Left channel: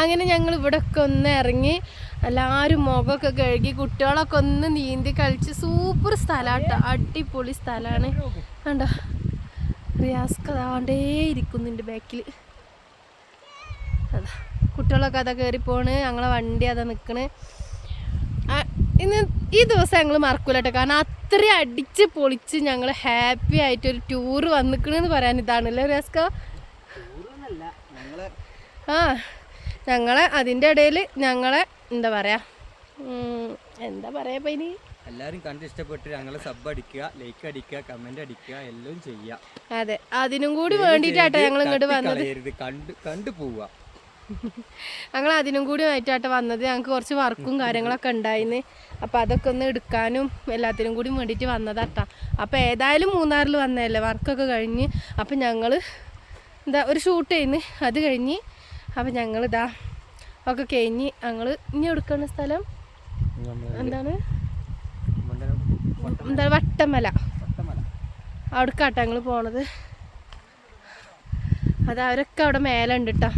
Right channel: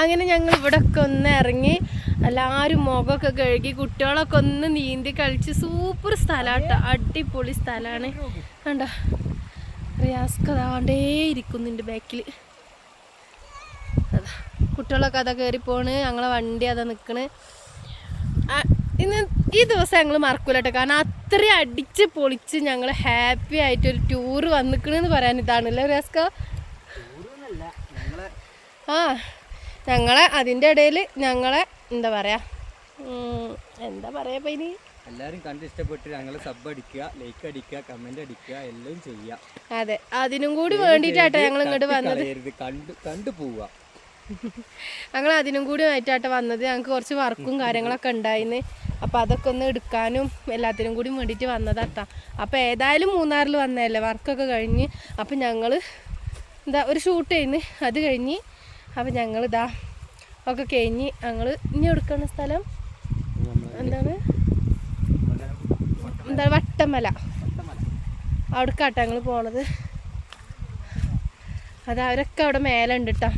അങ്ങനെ ഞങ്ങൾ ഇവിടെയൊക്കെ ഒന്ന് ഇറങ്ങി എല്ലാവരും മുഖമൊക്കെ കഴുകി കുട്ടികളൊക്കെ ഒന്ന് നീന്തി കളിച്ച് സൂപ്പർ സ്ഥലമാട്ടോ, അടിപൊളി സ്ഥലമാണ്. കണ്ടോ റിയാസ്ക് അതാണ്ടേ ഇരിക്കുന്നുണ്ട് ബാക്കിൽ. അതാ കുട്ടികളൊക്കെ അതാ കയറി പോണ്, ഞങ്ങളെ വണ്ടി അതാ നിൽക്കണ്. ഇന്ന് ഈ ദിവസം ഞങ്ങൾ മറക്കൂല കേട്ടോ, കാരണം അത്രയും അടിച്ച് പൊളിച്ച് ഞങ്ങൾ ഹാപ്പി ആയിട്ടൊരു ടൂറ് വന്നിക്കണെന്ന് പറയാൻ ഇതാണല്ലേ റിയാസ്ക. ഞങ്ങളെ അതിൻ്റെ ഇടയിൽ ഞങ്ങളെ എന്താ പറയാ ഇനി എല്ലാരും കണ്ട് ഇഷ്ടപ്പെട്ട് ഞങ്ങളെ സബ് അടിക്കുക, ലൈക്ക് അടിക്കുക, കമന്റ് അടിക്കുക, എല്ലാം ചെയ്യാം. അതെ, അതിനും കൂടി വേണ്ടിയിട്ടാട്ടോ ഞങ്ങൾ ഇങ്ങോട്ട് വന്നത്. കണ്ടു പോവുക. ഞങ്ങൾ അതിനും കൂടി ആയിട്ടാട്ടോ വന്നത്. ഞങ്ങൾക്ക് കുറച്ച് വർക്കും കാര്യങ്ങളൊക്കെ ഉണ്ടായിന്ന്, അപ്പം അതൊക്കെ ഒന്ന് എടുക്കാനും എല്ലാത്തിനും കൂടി വേണ്ടിയിട്ട് വന്നതാട്ടാ. അപ്പം ഏതായാലും മൂന്നാറിൽ വന്നതല്ലേ, വർക്കൊക്കെ കഴിഞ്ഞ്. അപ്പം ഞങ്ങൾ എന്താ ഒരു ഷൂട്ട് ചെയ്യുന്നു, അത് കഴിഞ്ഞ്. അപ്പം ഞങ്ങളിതാ ഒക്കെ കഴിഞ്ഞ് ഞങ്ങൾ ഇനി എടുക്കുന്ന സ്ഥലം എന്താണ് വട്ടമല, അവിടേക്കാട്ടോ ഞങ്ങൾ പോണത്. അത് അവരൊക്കെ അവിടെ മേലെ ഉണ്ട് കേട്ടോ.